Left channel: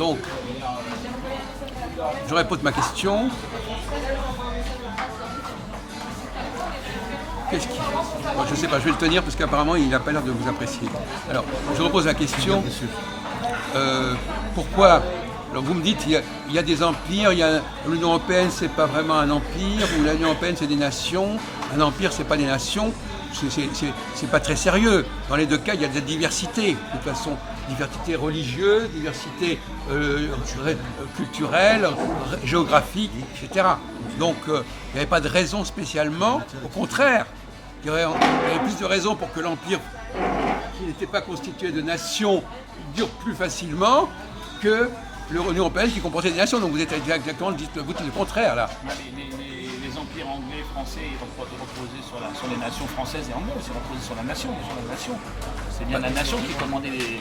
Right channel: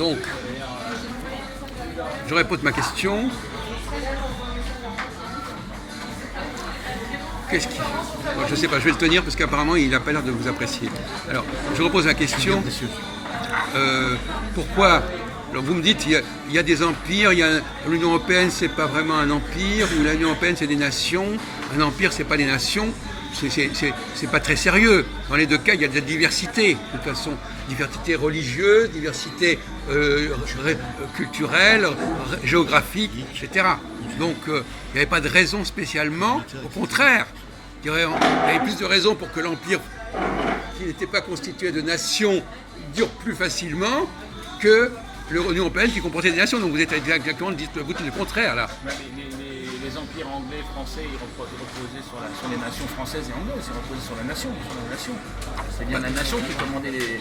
Donc, je répète ma question. Qu'est-ce qui... Bon, je ne sais pas, je vais le tenir parce qu'apparemment il n'a pas l'air de vous apprécier. Alors, je repose la question. Pourquoi... Alors vous me dites, il y a des empires, l'Union européenne c'est pas vraiment un empire, ou l'Union européenne c'est des nations, un empire c'est pas des nations, c'est pas très sérieux. Dans les deux cas, il y a de la diversité, de toute façon, diversité religieuse, diversité culturelle, géographique, etc. Donc il n'y avait pas de raison spécialement, au contraire, il y avait plus de raisons pour que l'empire, qui n'était pas constitué de nations, dure plus facilement que l'Union européenne qui comportait des nations. Donc vous êtes exactement le contraire là. Les empires anglais, français, ils reposaient sur les nations françaises et anglaises, ils reposaient sur la nation. C'est bien la nation qui commandait les...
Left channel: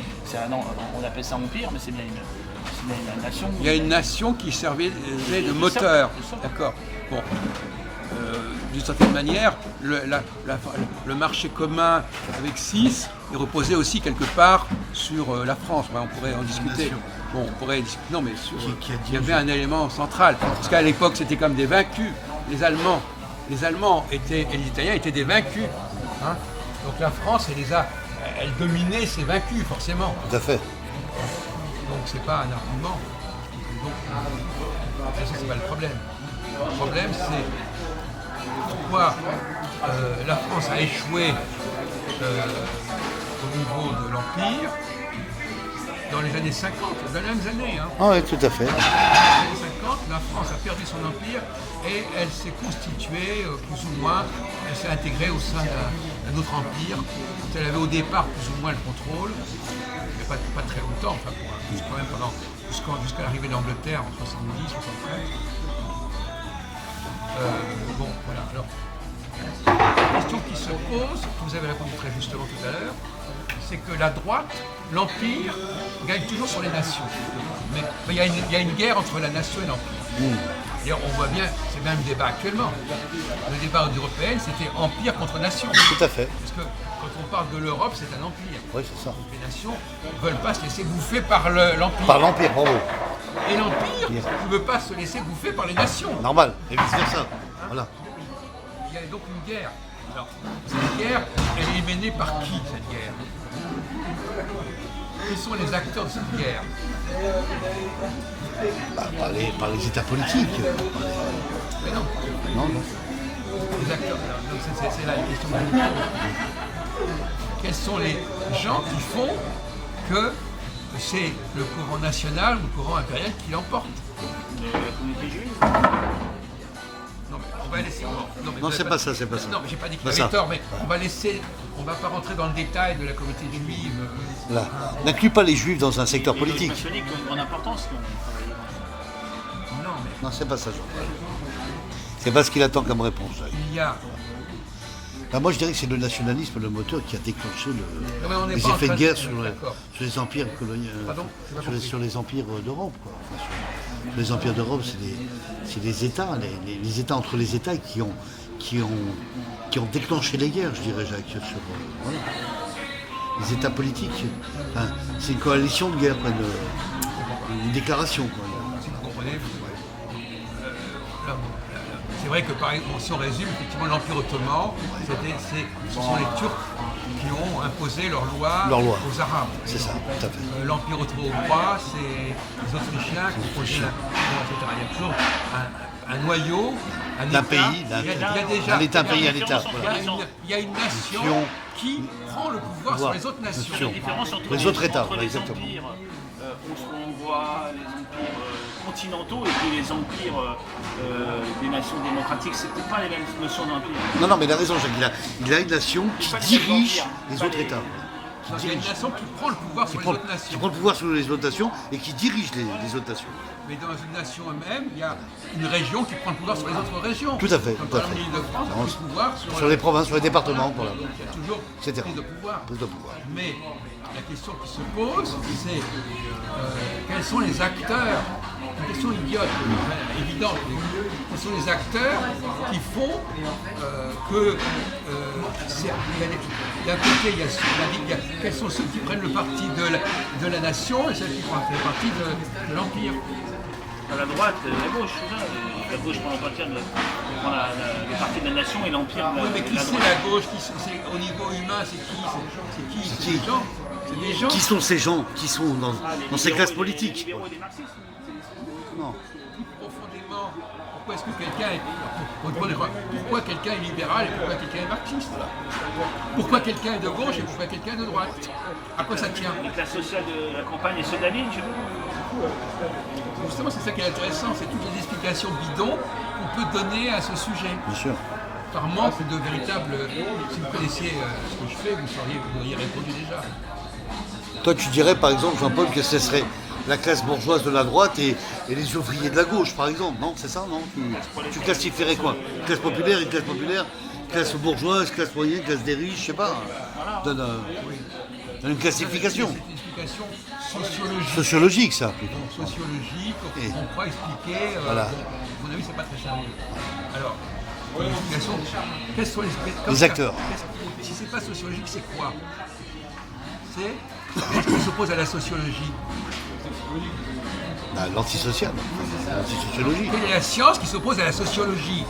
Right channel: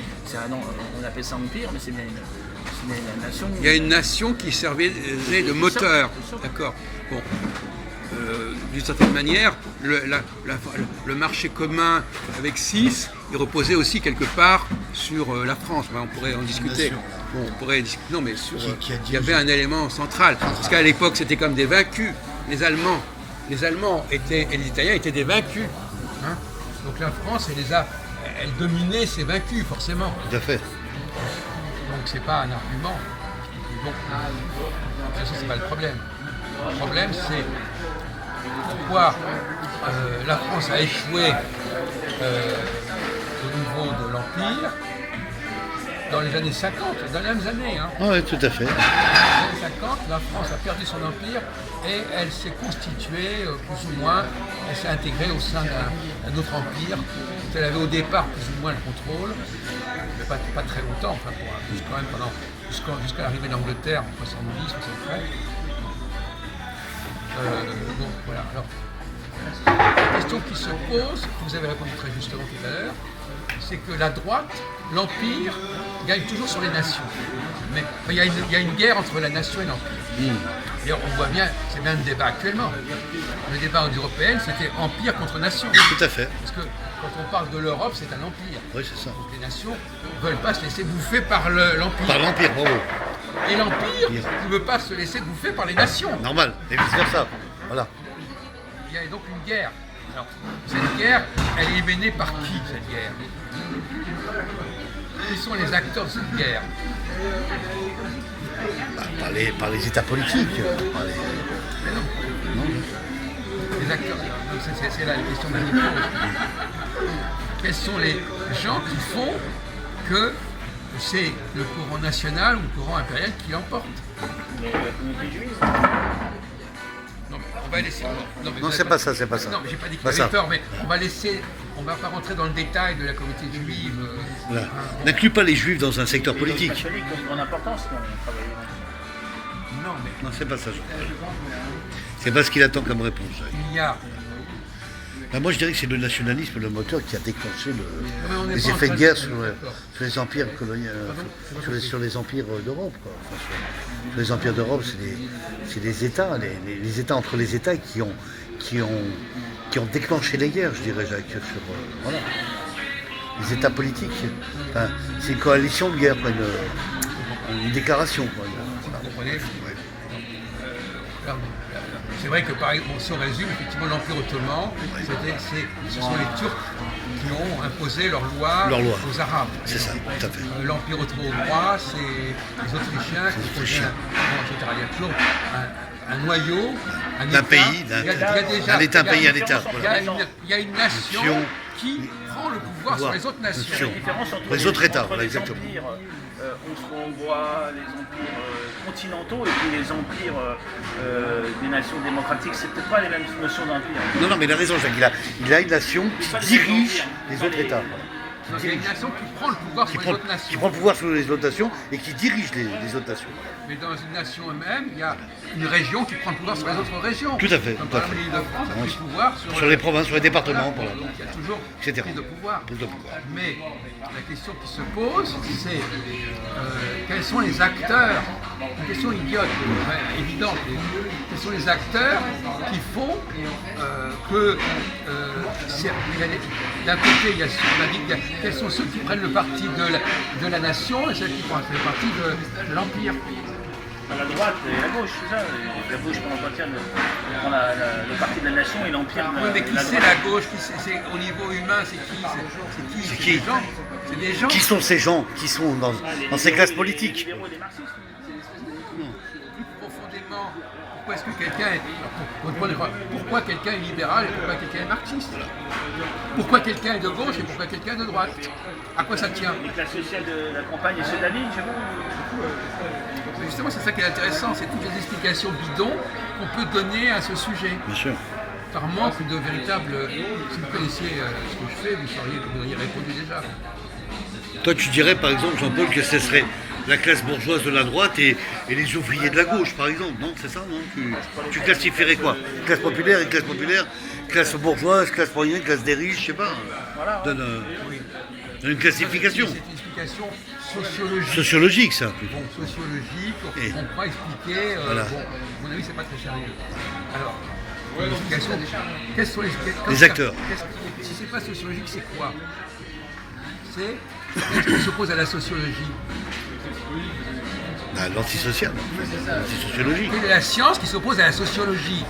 on appelle ça empire, mais c'est bien une nation. Il y a une nation qui servait de moteur. D'accord. Bon. D'une certaine manière, le marché commun avec 6, il reposait aussi quelque part sur la France. On pourrait en discuter. Bon, on pourrait discuter. Non, mais il y avait un élément central. Parce qu'à l'époque, c'était comme des vaincus. Les Allemands et les Italiens étaient des vaincus. Hein. Donc la France, elle dominait ses vaincus, forcément. Tout à fait. Donc c'est pas un argument. Donc, c'est pas le problème. Le problème, c'est pourquoi la France a échoué au niveau de l'Empire dans les années 50, dans les mêmes années. Hein. Ah oui, tout à fait. Dans les années 50, la France a perdu son empire et elle s'est constituée, plus ou moins, elle s'est intégrée au sein d'un autre empire dont elle avait au départ plus ou moins le contrôle, mais pas très longtemps, enfin, quand même jusqu'à l'arrivée d'Angleterre en 70, 73. Bon, voilà. Alors, la question qui se pose, vous avez répondu très justement tout à l'heure, c'est que la droite, l'empire, gagne toujours sur les nations. Mais il y a une guerre entre la nation et l'empire. D'ailleurs, on voit bien, c'est même le débat actuellement. Le débat européen, c'était empire contre nation. Tout à fait. Parce que quand on parle de l'Europe, c'est un empire. Oui, c'est ça. Donc les nations ne veulent pas se laisser bouffer par l'empire. Par l'empire, bravo. Et l'empire ne veut pas se laisser bouffer par les nations. Normal, et vice-versa. Voilà. Il y a donc une guerre. Alors, cette guerre, elle est menée par qui, cette guerre? Qui sont les acteurs de cette guerre? Par les États politiques. Mais non. Non. Les acteurs. Donc c'est là la question magnifique. Quels sont les gens qui font que c'est le courant national ou le courant impérial qui l'emporte? La communauté juive. Non, mais on va laisser. Non, c'est pas ça. Non, mais j'ai pas dit qu'il y avait tort, mais on va laisser. On va pas rentrer dans le détail de la communauté juive. Voilà. N'inclut pas les juifs dans un secteur politique. Les catholiques ont une grande importance quand on travaille dans... Non, mais Non, c'est pas ça, Jean-Paul. C'est pas ce qu'il attend comme réponse. il y a. Moi, je dirais que c'est le nationalisme, le moteur qui a déclenché mais on n'est les pas en effets de train guerre de- sur d'accord. les empires coloniaux, Pardon sur les empires d'Europe. Quoi. Enfin, sur les empires d'Europe, c'est des États, les États entre les États qui ont déclenché les guerres, je dirais, Jacques. Voilà. Les États politiques. Enfin, c'est une coalition de guerre, quoi, une déclaration. Quoi, Vous comprenez? C'est vrai que par exemple, si on résume, effectivement, l'Empire ottoman, ce sont les Turcs qui ont imposé leurs lois aux Arabes. C'est ça, tout à fait. L'Empire ottoman, c'est les Autrichiens qui ont etc. Il y a toujours un noyau, un D'un État. pays, un État, voilà. Il y a une nation qui prend le pouvoir sur les autres nations. La différence entre Les autres États, entre voilà, les exactement. empires austro-hongrois, les empires continentaux et puis les empires des nations démocratiques, c'est peut-être pas les mêmes notions d'empire. Non, mais il a raison, Jacques. Il a une nation qui dirige les autres États. Voilà. Donc, il y a une nation qui prend le pouvoir sur les autres nations. Qui prend le pouvoir sur les autres nations et qui dirige les autres nations. Mais dans une nation elle-même, il y a une région qui prend le pouvoir sur les autres régions. Tout à fait, Comme tout à par exemple fait. l'Île-de-France a pris le pouvoir Sur les provinces, sur les départements, Voilà. voilà. Donc, il y a toujours Etc. prise de pouvoir. Prise de pouvoir. Mais la question qui se pose, c'est quels sont les acteurs, une question idiote, évidente, quels sont les acteurs qui font que d'un côté, on a dit quels sont ceux qui prennent le parti de la nation et ceux qui prennent le parti de l'Empire. La droite et la gauche, c'est ça. La gauche prend le parti de la nation et l'empire de oui, mais qui la c'est droite. la gauche au niveau humain, c'est qui C'est qui? des gens. C'est des gens. Qui sont ces gens qui sont dans ces classes politiques? Les libéraux et les marxistes. Non. Profondément, pourquoi est-ce que quelqu'un est pourquoi quelqu'un est libéral et pourquoi quelqu'un est marxiste? Pourquoi quelqu'un est de gauche et pourquoi quelqu'un est de droite? À quoi ça tient? Les classes sociales de la campagne et ceux d'Aline, je sais pas. Justement, c'est ça qui est intéressant, c'est toutes les explications bidons qu'on peut donner à ce sujet. Bien sûr. Par manque de véritable. Si vous connaissiez ce que je fais, vous auriez répondu déjà. Toi, tu dirais par exemple, Jean-Paul, que ce serait la classe bourgeoise de la droite et les ouvriers de la gauche, par exemple, non? C'est ça, non? Tu classifierais quoi? Classe populaire et classe populaire, classe bourgeoise, classe moyenne, classe des riches, je sais pas. Donne une classification. C'est une explication sociologique. Sociologique, ça. Bon, sociologique, on croit expliquer. Voilà. Bon, à mon avis, c'est pas très sérieux. Alors, une explication. Quels sont Les acteurs. Si c'est pas sociologique, c'est quoi? C'est ce qui s'oppose à la sociologie. L'antisocial, l'antisociologie. Quelle est la science qui s'oppose à la sociologie?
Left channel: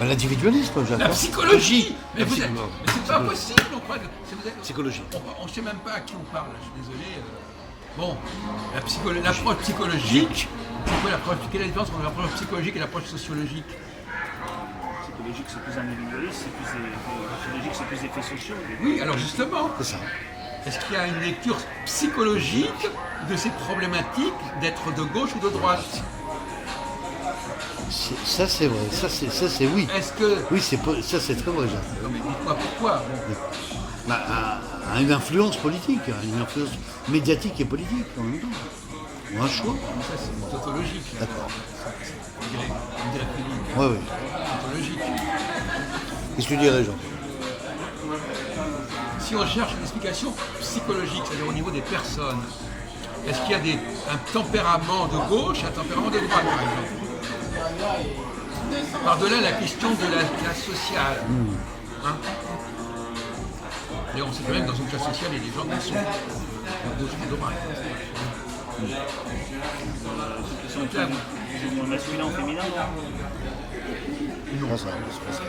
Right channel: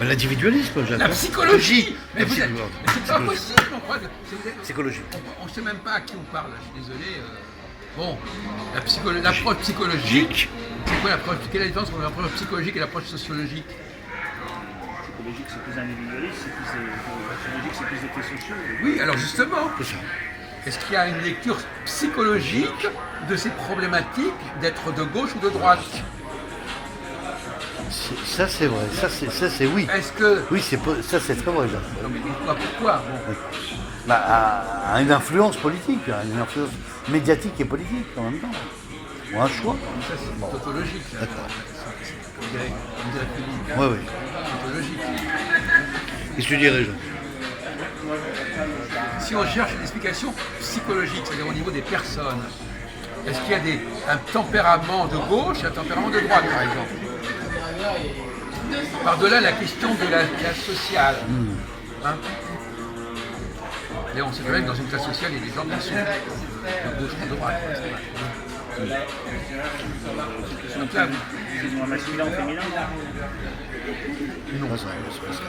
L'individualisme, Jacques. La psychologie. Mais La c'est pas possible, on croit que. Psychologie. On ne sait même pas à qui on parle, je suis désolé. Bon, l'approche psychologique, c'est quoi l'approche? Quelle est la différence entre l'approche psychologique et l'approche sociologique? Psychologique, c'est plus individualiste, sociologique, c'est plus effets sociaux. Oui, alors justement, C'est ça. est-ce qu'il y a une lecture psychologique de ces problématiques d'être de gauche ou de droite? Ça, c'est vrai. Ça, c'est oui. Est-ce que. Oui, ça, c'est très vrai, Jacques. Non, mais dites-moi pourquoi. Bon. À une influence politique, à une influence médiatique et politique en même temps. Ou un choix. Ça, c'est tautologique. Là. D'accord. On dirait Philippe. Oui, oui. Tautologique. Qu'est-ce que tu dirais, Jean? Si on cherche une explication psychologique, c'est-à-dire au niveau des personnes, est-ce qu'il y a un tempérament de gauche et un tempérament de droite, par exemple? Par-delà la question de la classe sociale. Hein? Et on sait très bien que dans une classe sociale, il y a des gens qui sont de gauche et de droite. Donc là, C'est moins masculin ou féminin. Non, c'est pas ça.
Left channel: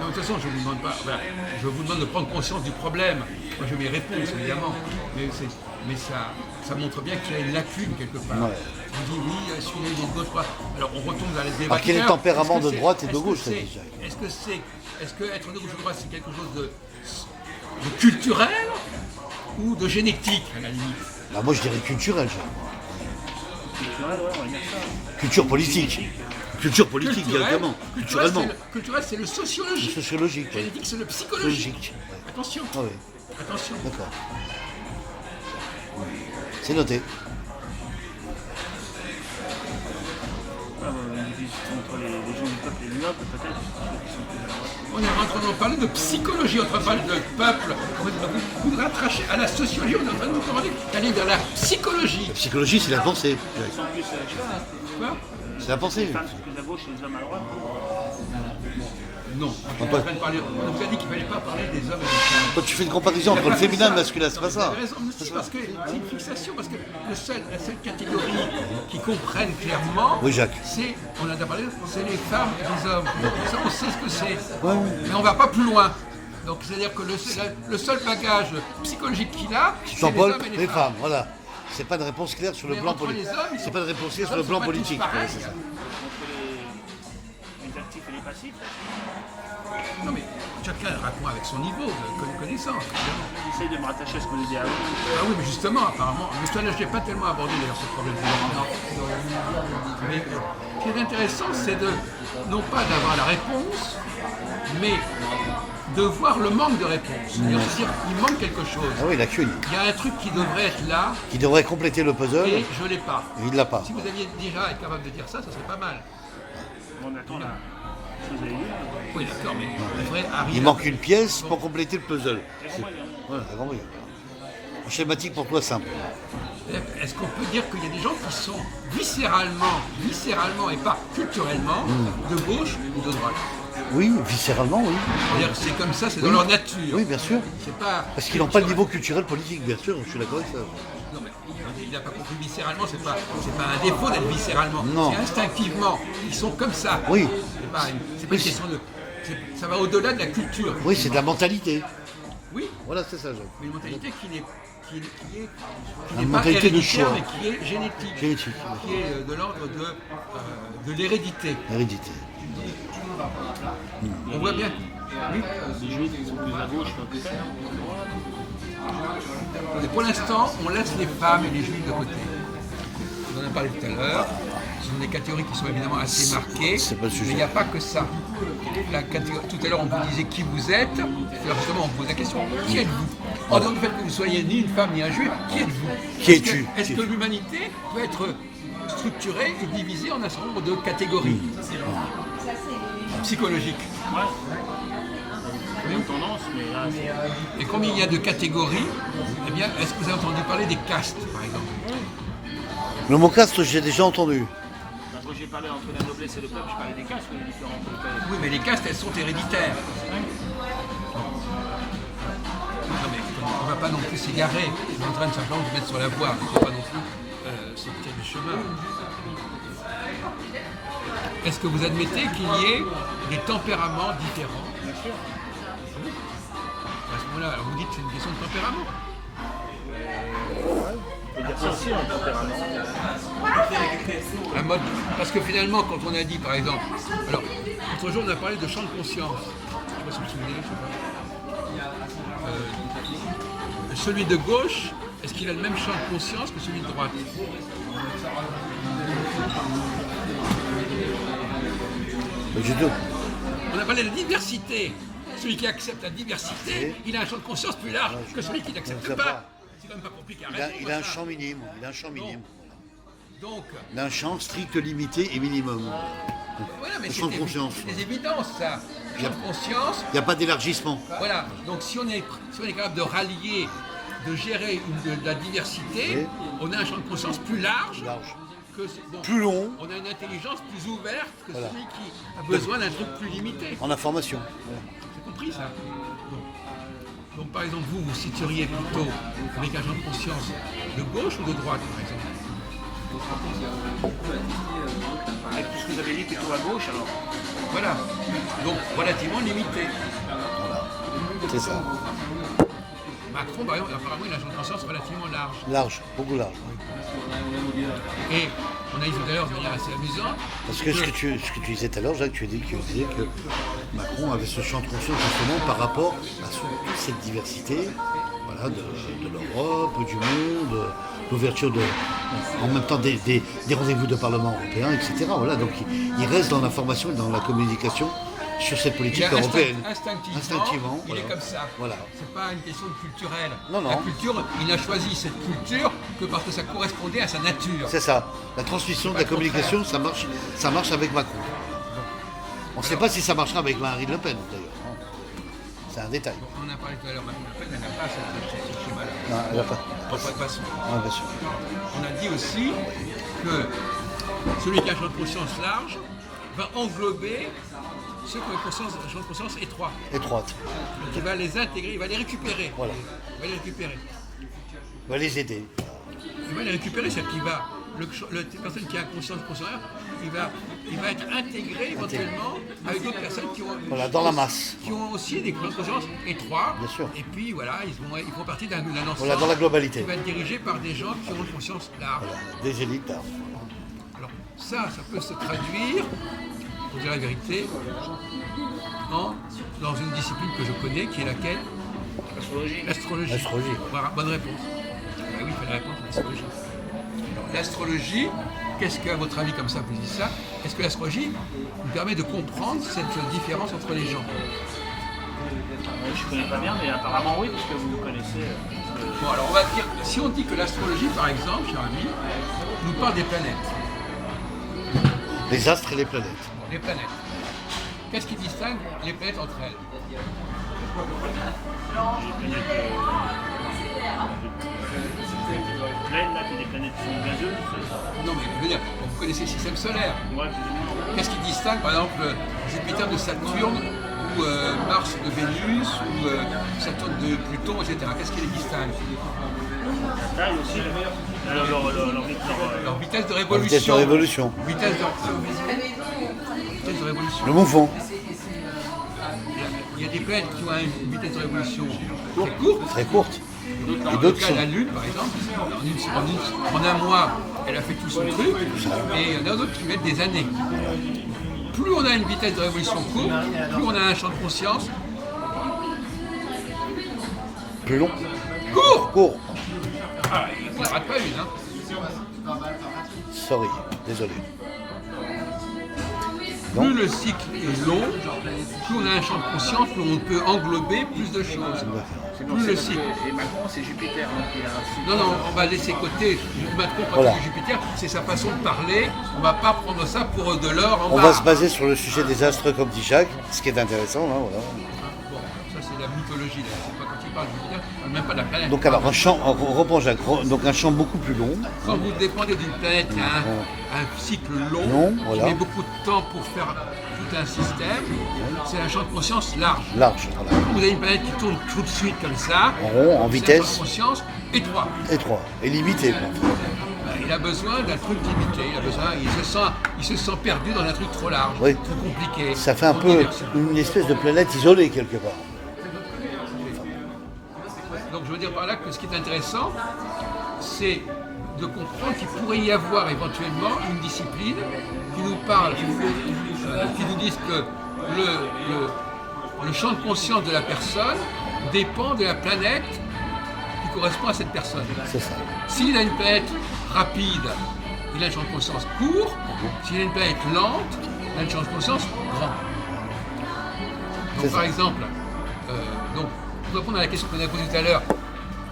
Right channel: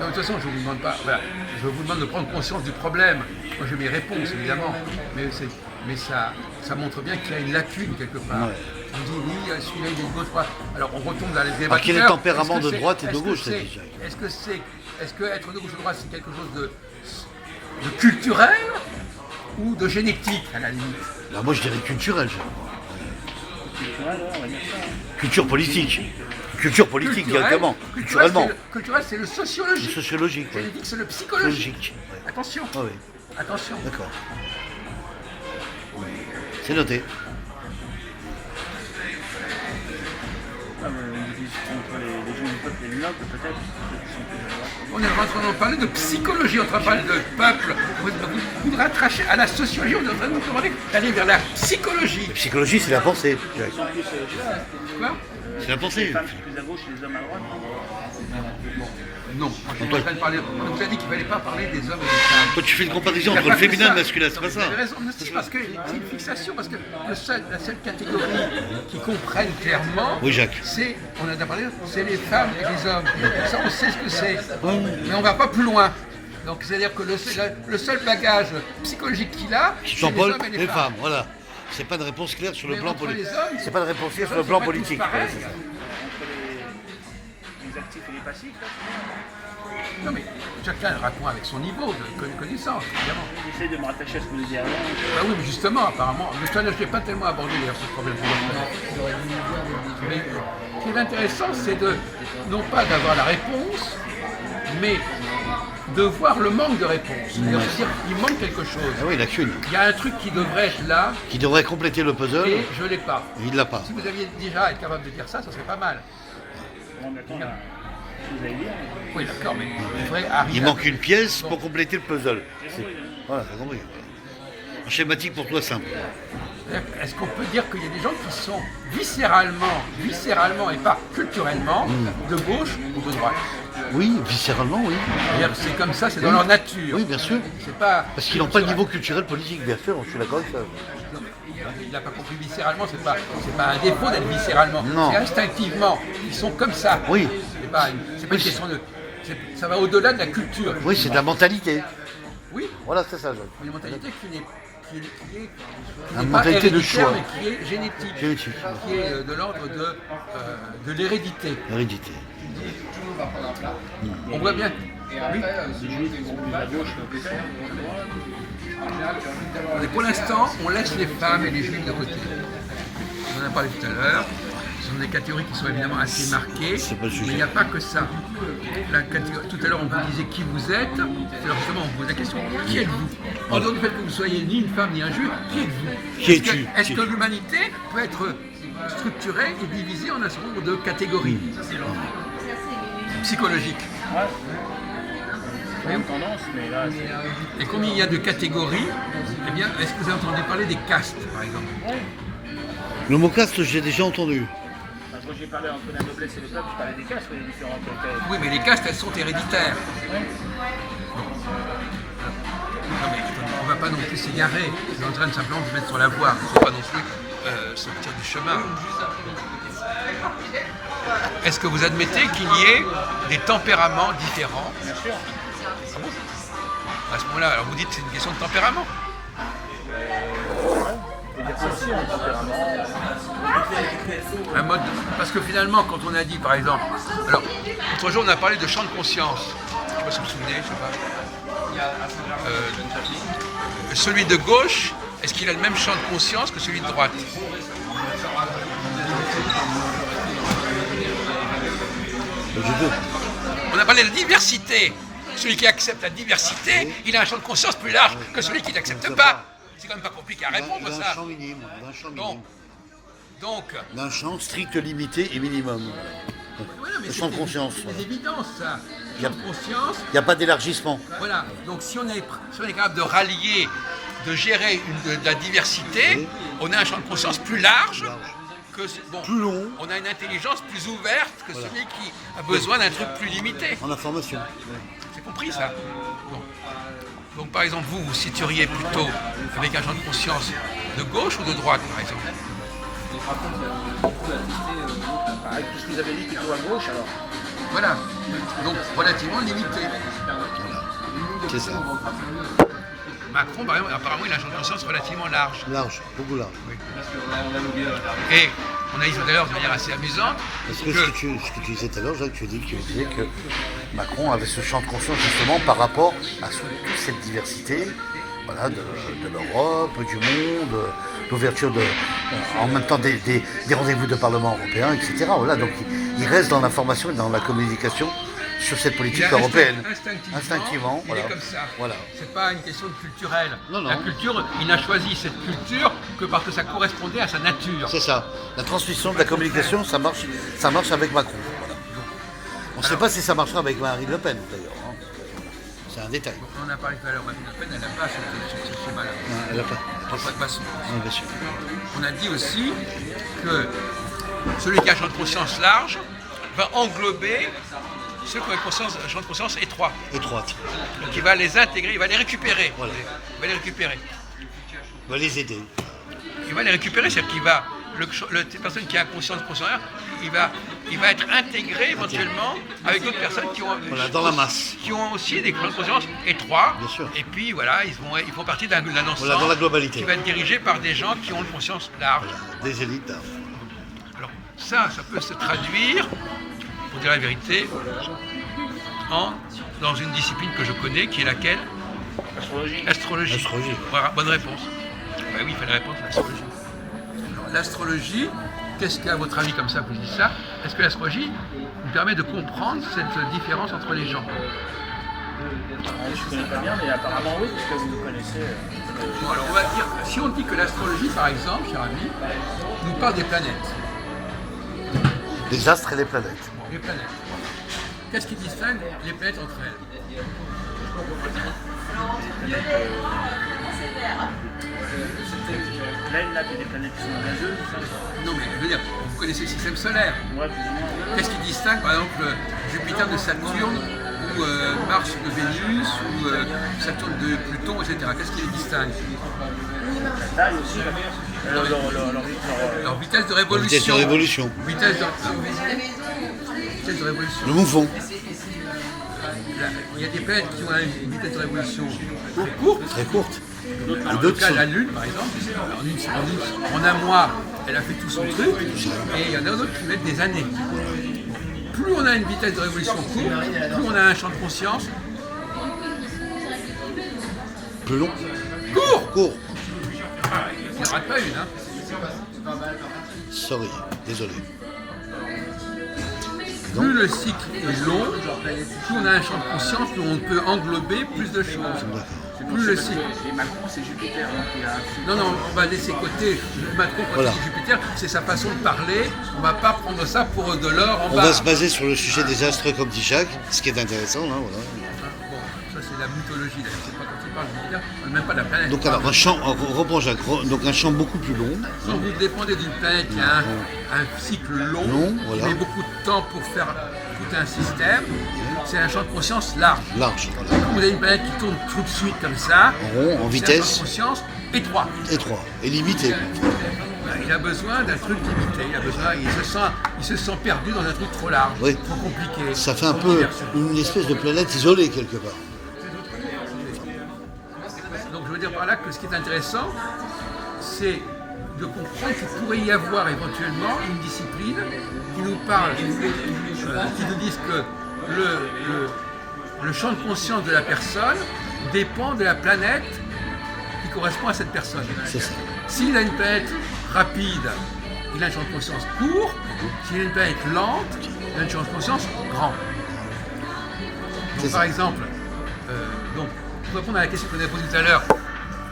non, de toute façon, je vous demande pas. Voilà, je vous demande de prendre conscience du problème. Moi, j'ai mes réponses, évidemment, mais ça montre bien qu'il y a une lacune quelque part. Ouais. On dit oui, celui-là il est de gauche droite. Alors on retombe dans les débats. Alors, quel est le tempérament de droite et de gauche, ça, déjà? Est-ce que être de gauche ou de droite, c'est quelque chose de culturel ou de génétique à la limite? Là, moi, je dirais culturel, Jacques. Culturel, ouais, on va dire ça. Culture politique. Culture politique, directement. Culturellement. Culturel, c'est le C'est sociologique. sociologique. Oui. Génétique, c'est le psychologique. Sociologique. Ouais. Attention, Ah oui, attention. d'accord. C'est noté. Une division entre les gens du peuple et les nobles, peut-être, ceux qui sont plus à droite. On est en train de parler de psychologie, on est en train de parler de peuple. Vous rattachez à la sociologie, on est en train de nous demander d'aller vers la psychologie. La psychologie, c'est la pensée. Jacques. Ils sont plus, Quoi? C'est la pensée. les femmes sont plus à gauche et les hommes à droite. Non, on est en train de parler. On vous a dit qu'il ne fallait pas parler des hommes et des femmes. Toi, tu fais une comparaison Il y a entre le pas que féminin et ça. le masculin, c'est Non, pas mais ça. vous avez raison, mais si, parce que c'est une fixation, parce que la seule catégorie qui comprennent clairement, Oui, Jacques. c'est, on en a parlé, c'est les femmes et les hommes. Donc ça, on sait ce que c'est. Mais on ne va pas plus loin. Donc c'est-à-dire que le seul bagage psychologique qu'il a, c'est les Jean-Paul, hommes et les femmes, voilà. C'est pas de réponse claire sur le Mais plan entre les politique. hommes, C'est pas de réponse claire les sur le hommes plan sont pas tous politique. pareils. Ouais, c'est ça. Les actifs et les passifs, là, Non mais chacun répond avec son niveau de connaissance, évidemment. j'essaie de me rattacher à ce que vous avez dit avant. Bah oui, mais justement, apparemment, mais ça, je n'ai pas tellement abordé d'ailleurs ce problème. Mais ce qui est intéressant, c'est non pas d'avoir la réponse, mais de voir le manque de réponse. C'est-à-dire se dire il manque quelque chose. Ah oui, lacune. Il y a un truc qui devrait être là Qui devrait compléter le puzzle, et je ne l'ai pas. il ne l'a pas. Si vous aviez déjà été capable de dire ça, ce serait pas mal. On attend ce que vous allez dire. Oui, d'accord, mais on devrait arriver. Il à- manque une pièce pour compléter le puzzle. J'ai compris, hein. Voilà, t'as compris. Un schématique pour toi simple. Est-ce qu'on peut dire qu'il y a des gens qui sont viscéralement et pas culturellement, de gauche ou de droite? Oui, viscéralement, oui. C'est-à-dire c'est comme ça, c'est dans Oui. leur nature. Oui, bien sûr. C'est pas. Parce qu'ils n'ont pas le niveau culturel politique, bien sûr, je suis d'accord avec ça. Non, mais il n'a pas compris viscéralement, c'est pas un défaut d'être viscéralement. Non. C'est instinctivement. Ils sont comme ça. Oui. C'est pas une question de. Ça va au-delà de la culture. Oui, c'est de la mentalité. Oui, Voilà, c'est ça, Jacques. une mentalité qui n'est La pas mentalité de héréditaire, choix. mais qui est génétique. Génétique, Qui est de l'ordre de l'hérédité. Hérédité. On voit bien. Oui. Les juifs qui sont plus à gauche, peut-être. Mais pour l'instant, on laisse les femmes et les juifs de côté. On en a parlé tout à l'heure. Ce sont des catégories qui sont évidemment assez marquées, C'est pas le sujet. mais il n'y a pas que ça. Tout à l'heure, on vous disait qui vous êtes. Alors justement, on vous pose la question, qui êtes-vous? En dehors du fait que vous ne soyez ni une femme ni un juif, qui êtes-vous? Qui es-tu? Est-ce que l'humanité peut être structurée et divisée en un certain nombre de catégories psychologiques? Ouais. C'est une tendance, mais là, c'est. Et combien il y a de catégories? Eh bien, est-ce que vous avez entendu parler des castes, par exemple? Le mot caste, j'ai déjà entendu. Quand j'ai parlé entre la noblesse et le peuple, je parlais des castes, les différentes. Oui, mais les castes, elles sont héréditaires. Non, mais on ne va pas non plus s'égarer. Je suis en train de simplement de vous mettre sur la voie. Il ne faut pas non plus sortir du chemin. Est-ce que vous admettez qu'il y ait des tempéraments différents? Bien sûr. Ah bon? À ce moment-là, alors vous dites que c'est une question de tempérament. On peut dire ça aussi, un tempérament. Un mode. Parce que finalement, quand on a dit, par exemple, alors, l'autre jour, on a parlé de champ de conscience. Je ne sais pas si vous vous souvenez, je sais pas. Celui de gauche, est-ce qu'il a le même champ de conscience que celui de droite? J'ai deux. On a parlé de diversité. Celui qui accepte la diversité, il a un champ de conscience plus large que celui qui n'accepte pas. C'est quand même pas compliqué à répondre, Il a un ça. champ minime. Il a un champ minime. Donc, Il a un champ strict, limité et minimum. voilà, mais Le champ de conscience, C'est voilà. des évidences, ça. Il y a- Champ de conscience, Il n'y a pas d'élargissement. voilà. Donc, si on est capable de rallier, de gérer de la diversité, Oui. on a un champ de conscience plus large. Que, bon, Plus long. on a une intelligence plus ouverte que celui qui a besoin d'un truc plus limité. En information. J'ai compris ça. Bon. Donc par exemple, vous vous situeriez plutôt avec un champ de conscience de gauche ou de droite, par exemple? Avec tout ce que vous avez dit, plutôt à gauche, alors. Voilà. Donc relativement limité. C'est ça. Macron, par exemple, apparemment, il a un champ de conscience relativement large. Large, beaucoup large. Et on a dit tout à l'heure de manière assez amusante Parce que ce que tu disais tout à l'heure, Jacques, tu disais que Macron avait ce champ de conscience justement par rapport à toute cette diversité, voilà, de l'Europe, du monde, l'ouverture en même temps des rendez-vous de Parlement européen, etc. Voilà, donc il reste dans l'information et dans la communication sur cette politique européenne. Instinctivement, il voilà. est comme ça. Voilà. C'est pas une question de culturelle. Non, non. La culture, il n'a choisi cette culture que parce que ça correspondait à sa nature. C'est ça. La transmission de la communication, ça marche avec Macron. Voilà. On ne sait pas si ça marchera avec Marine Le Pen, d'ailleurs. Hein. C'est un détail. On en a parlé tout à l'heure, Marine Le Pen, elle n'a pas ce schéma-là. Non, elle n'a pas. De toute façon. Non, bien sûr. On a dit aussi que celui qui a un champ de conscience large va englober ceux qui ont un champ de conscience étroit. Étroite. Donc il va les intégrer, il va les récupérer. Voilà. Il va les récupérer. On va les aider. Il va les récupérer, c'est-à-dire qu'il va, la personne qui a conscience consciente, il va être intégré éventuellement avec d'autres personnes qui ont, Voilà, dans la masse. qui ont aussi des champs de conscience étroits. Bien sûr. Et puis voilà, ils font partie d'un ensemble Voilà, dans la globalité. qui va être dirigé par des gens qui ont une conscience large. Des élites. Alors ça peut se traduire, pour dire la vérité, dans une discipline que je connais, qui est laquelle? Astrologie. L'astrologie. L'astrologie. Voilà, bonne réponse. Bah oui, il fallait répondre à l'astrologie. Alors l'astrologie, qu'est-ce qu'à votre avis comme ça vous dites ça? Est-ce que l'astrologie nous permet de comprendre cette différence entre les gens? Je connais pas bien, mais apparemment oui, puisque vous nous connaissez. Bon, alors on va dire, si on dit que l'astrologie, par exemple, cher ami, nous parle des planètes. Les astres et les planètes. Les planètes. Qu'est-ce qui distingue les planètes entre elles? Des planètes pleines, là, puis des planètes qui sont gazeuses, ça. Non, mais je veux dire, vous connaissez le système solaire. Ouais, plus ou moins. Qu'est-ce qui distingue, par exemple, Jupiter de Saturne, ou Mars de Vénus, ou Saturne de Pluton, etc. Qu'est-ce qui les distingue? La taille aussi, Leur vitesse de La révolution. vitesse de révolution. Vitesse de révolution. Le mouvement. Il y a des planètes qui ont une vitesse de révolution très courte. Très courte. Dans Et le d'autres cas de sont. la Lune, par exemple, en un mois, elle a fait tout son truc, et il y en a d'autres qui mettent des années. Plus on a une vitesse de révolution courte, plus on a un champ de conscience Plus long. court. Court. Il n'y en rate pas une. Hein. Sorry. Désolé. Plus le cycle est long, plus on a un champ de conscience, plus on peut englober plus de choses. Plus le cycle. Et Macron, c'est Jupiter, donc il a un Non, non, on va laisser côté Macron quand Voilà. il dit Jupiter, c'est sa façon de parler. On ne va pas prendre ça pour de l'or en On bas. va se baser sur le sujet des astres comme dit Jacques, ce qui est intéressant là, voilà. Bon, ça c'est la mythologie là. C'est pas quand il parle de Jupiter, on parle même pas de la planète. Donc alors un champ, on reprend Jacques, donc un champ beaucoup plus long. Quand vous dépendez d'une planète qui a un cycle long, Long, qui voilà. met beaucoup de temps pour faire tout un système, c'est un champ de conscience large. Large, voilà. Quand vous avez une planète qui tourne tout de suite comme ça, En rond, en c'est un champ vitesse, de conscience étroit. étroit et limité. quoi. Ben, il a besoin d'un truc limité, il se sent perdu dans un truc trop large, Oui. trop compliqué. Ça fait un trop peu diversion. une espèce de planète isolée quelque part. Donc je veux dire par là que ce qui est intéressant, c'est de comprendre qu'il pourrait y avoir éventuellement une discipline qui nous parle, qui nous dise que le champ de conscience de la personne dépend de la planète qui correspond à cette personne. C'est ça. S'il a une planète rapide, il a un champ de conscience court. S'il a une planète lente, il a un champ de conscience grand. Donc C'est par ça. exemple, pour répondre à la question qu'on a posée tout à l'heure,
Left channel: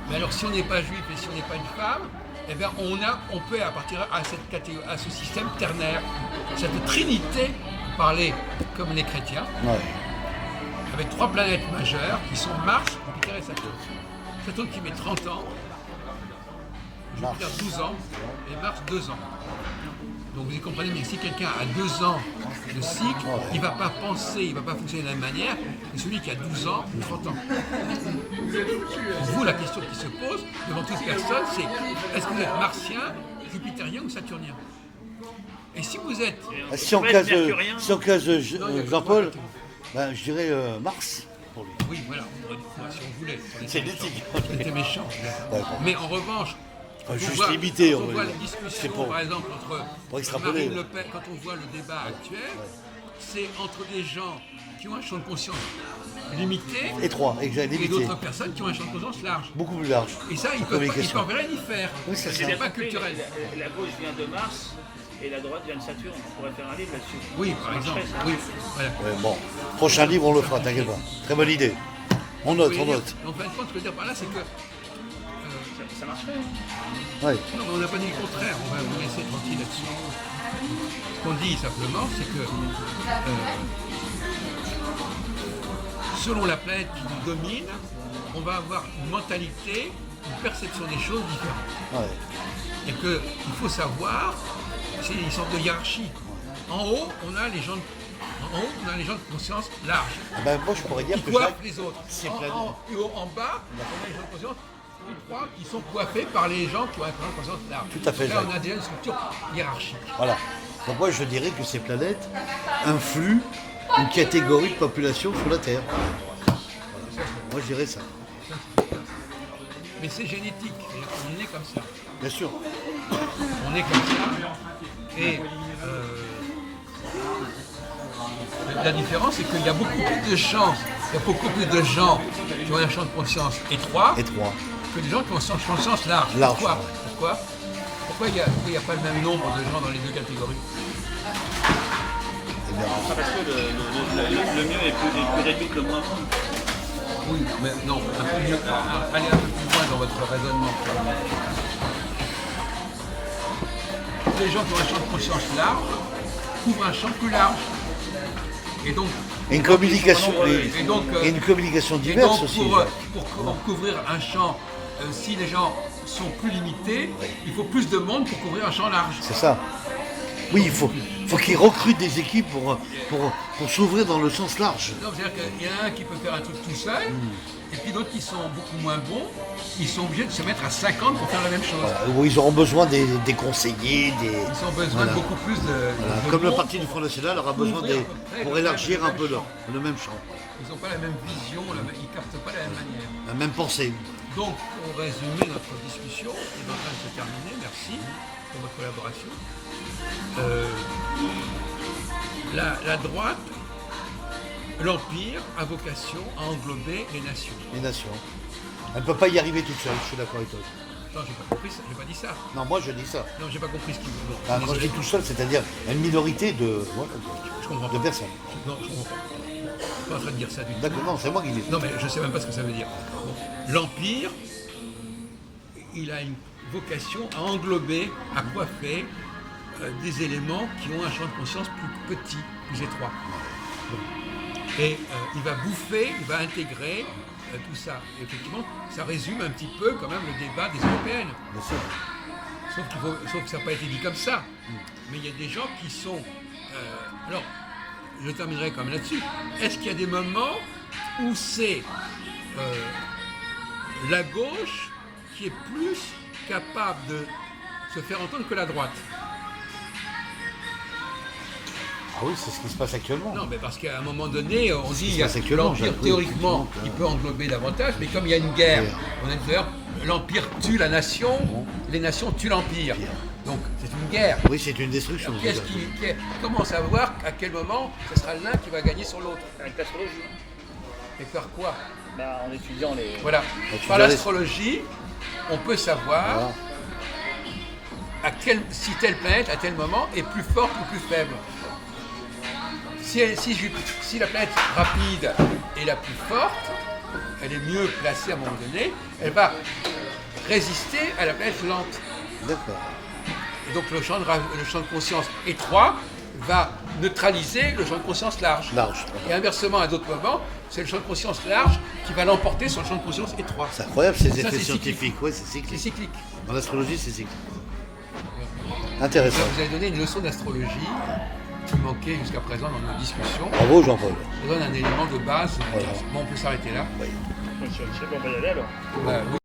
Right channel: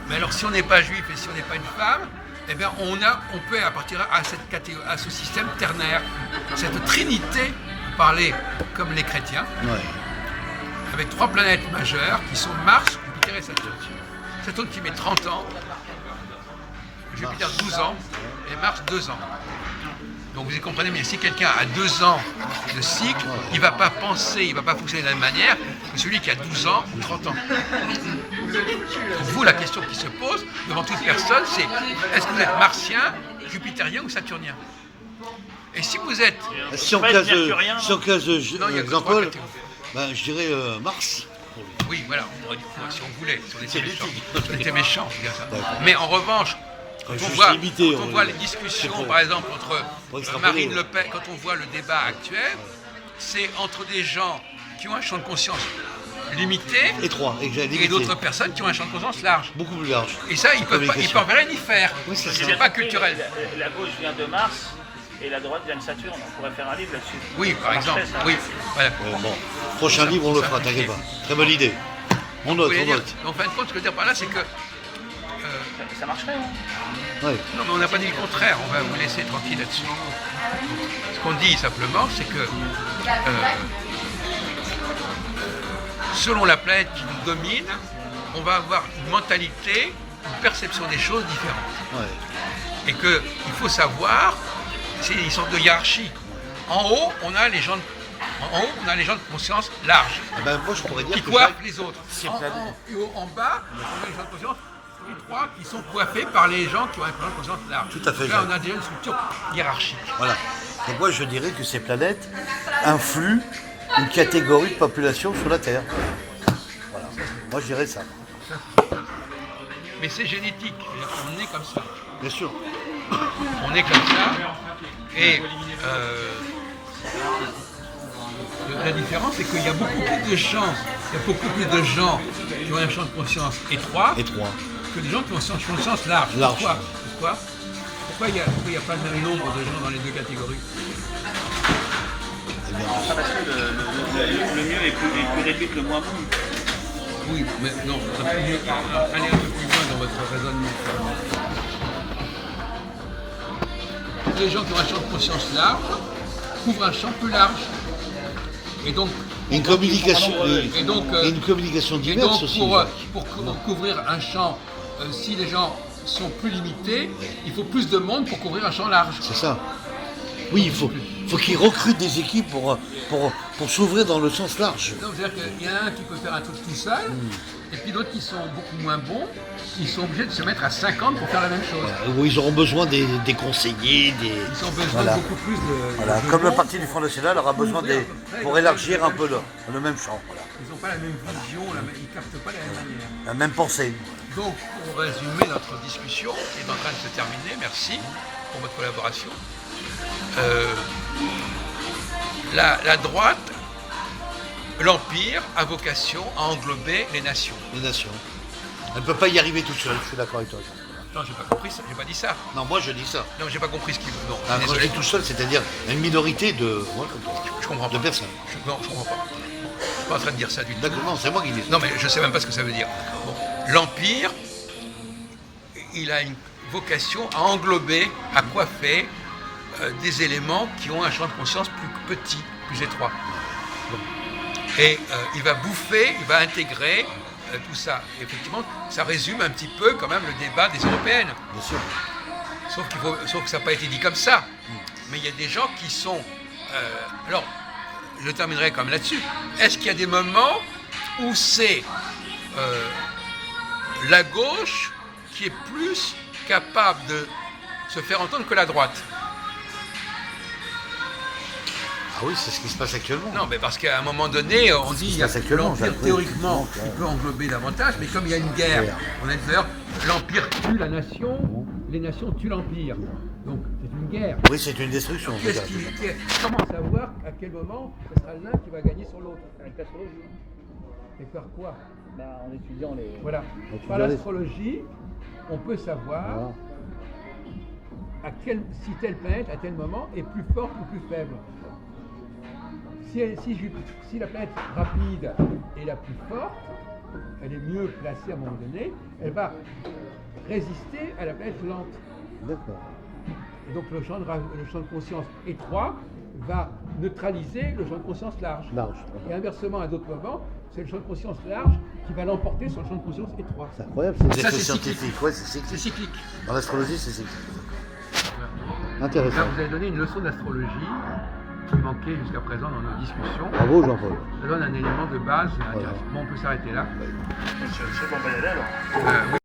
mais alors si on n'est pas juif et si on n'est pas une femme, eh bien on peut appartenir à ce système ternaire, cette trinité, parler comme les chrétiens, Ouais. avec trois planètes majeures qui sont Mars, Jupiter et Saturne. Saturne qui met 30 ans, Jupiter 12 ans et Mars 2 ans. Donc vous comprenez bien, si quelqu'un a 2 ans de cycle, il ne va pas penser, il ne va pas fonctionner de la même manière que celui qui a 12 ans ou 30 ans. Pour vous, la question qui se pose devant toute personne, c'est est-ce que vous êtes martien, jupitérien ou saturnien? Et si vous êtes... Si on Pas classe, mercurien, si on classe Non, il y a que Jean-Paul, trois catégories. ben, je dirais Mars pour lui. Oui, voilà, on aurait dit quoi, si on voulait, si on C'est était méchant. l'éthique. Si on était méchant, c'est bien ça. D'accord. Mais en revanche, quand on Juste voit, limité, quand on on voit va les dire. C'est discussions, pour- par exemple, entre pour extrapoler, Marine ouais. Le Pen, quand on voit le débat actuel, c'est entre des gens qui ont un champ de conscience limité Étroit, et limité. d'autres personnes qui ont un champ de conscience large. Beaucoup plus large. Et ça, ils peuvent rien y faire. Oui, c'est ça. C'est pas culturel. La gauche vient de Mars et la droite vient de Saturne. On pourrait faire un livre là-dessus. Oui, par Ça exemple. marcherait, ça. Oui, voilà. Ouais, bon, prochain livre, on le fera, t'inquiète pas. Très bonne idée. On note, Vous voulez on dire, note. en fin de compte, ce que je veux dire par là, c'est que Ça marcherait, hein. Ouais. non, mais on n'a pas dit le contraire, on va vous laisser tranquille là-dessus. Ce qu'on dit simplement, c'est que selon la planète qui nous domine, on va avoir une mentalité, une perception des choses différentes. Ouais. Et qu'il faut savoir, c'est une sorte de hiérarchie. En haut, on a les gens de conscience large, Eh ben, moi, je pourrais dire qui que coiffent Jacques, les autres. c'est En bas, on a les gens de conscience, les trois qui sont coiffés par les gens qui ont un champ de conscience large. Tout à fait, Là, Jacques. on a déjà une structure hiérarchique. Voilà. Donc moi, je dirais que ces planètes influent une catégorie de population sur la Terre. Voilà. Moi, je dirais ça. Mais c'est génétique, on est comme ça. Bien sûr. On est comme ça. Et la différence, c'est qu'il y a beaucoup plus de gens, qui ont un champ de conscience étroit Étroit. que des gens qui ont un champ de conscience large. Large. Pourquoi il n'y a pas le même nombre de gens dans les deux catégories? Eh bien, Parce que le mieux est plus réduit que le moins bon. Oui, non, mais non, allez un peu plus loin dans votre raisonnement. Les gens qui ont un champ de conscience large couvrent un champ plus large. Et donc, Une communication, et donc, et une communication et diverse donc aussi. pour couvrir un champ, si les gens sont plus limités, il faut plus de monde pour couvrir un champ large. C'est ça. Oui, il faut qu'ils recrutent des équipes pour s'ouvrir dans le sens large. Donc, c'est-à-dire qu'il y en a un qui peut faire un truc tout seul, et puis d'autres qui sont beaucoup moins bons, ils sont obligés de se mettre à 50 pour faire la même chose. Voilà, où ils auront besoin des conseillers, Ils ont besoin Voilà. de beaucoup plus de... Voilà, de comme le monde. Parti du Front National aura besoin pour élargir un peu le même champ. Voilà. Ils n'ont pas la même vision, ils ne captent pas la même manière. La même pensée. Donc, pour résumer notre discussion, qui est en train de se terminer, merci pour votre collaboration. La droite, l'Empire, a vocation à englober les nations. Les nations. Elle ne peut pas y arriver toute seule, je suis d'accord avec toi. Non, j'ai pas compris ça, j'ai pas dit ça. Non, moi je dis ça. Non, j'ai pas compris ce qu'il veut. Non, Quand je désolé. dis tout seul, c'est-à-dire une minorité Je comprends de pas. personnes. Non, je comprends pas. Je suis pas en train de dire ça du tout. D'accord, non, c'est moi qui dis. Non, mais je sais même pas ce que ça veut dire. Bon. L'Empire, il a une vocation à englober, à coiffer des éléments qui ont un champ de conscience plus petit, plus étroit. Bon. Et il va bouffer, il va intégrer tout ça. Et effectivement, ça résume un petit peu quand même le débat des européennes. Bien sûr. Sauf que ça n'a pas été dit comme ça. Mais il y a des gens qui sont... alors, je terminerai quand même là-dessus. Est-ce qu'il y a des moments où c'est la gauche qui est plus capable de se faire entendre que la droite? Ah oui, c'est ce qui se passe actuellement. Non, mais parce qu'à un moment donné, on dit se passe actuellement, l'Empire, Jacques, oui, théoriquement, effectivement, il peut englober davantage, mais comme il y a une guerre, on a d'ailleurs, l'Empire tue la nation, les nations tuent l'Empire. Donc c'est une guerre. Oui, c'est une destruction. Comment savoir à quel moment ce sera l'un qui va gagner sur l'autre? Avec l'astrologie. Et faire quoi? En étudiant les. Voilà. Par l'astrologie, on peut savoir si telle planète, à tel moment, est plus forte ou plus faible. Si la planète rapide est la plus forte, elle est mieux placée à un moment donné, elle va résister à la planète lente. D'accord. Et donc le champ de conscience étroit va neutraliser le champ de conscience large. Et inversement, à d'autres moments, c'est le champ de conscience large qui va l'emporter sur le champ de conscience étroit. C'est incroyable ces Ça, effets c'est scientifiques. Ouais, c'est cyclique. C'est cyclique. Dans l'astrologie, c'est cyclique. Voilà. Intéressant. Là, vous avez donné une leçon d'astrologie qui manquait jusqu'à présent dans nos discussions. Bravo Jean-Paul. Ça donne un élément de base. Bon, on peut s'arrêter là. Je sais pas, on va y aller alors. Oui.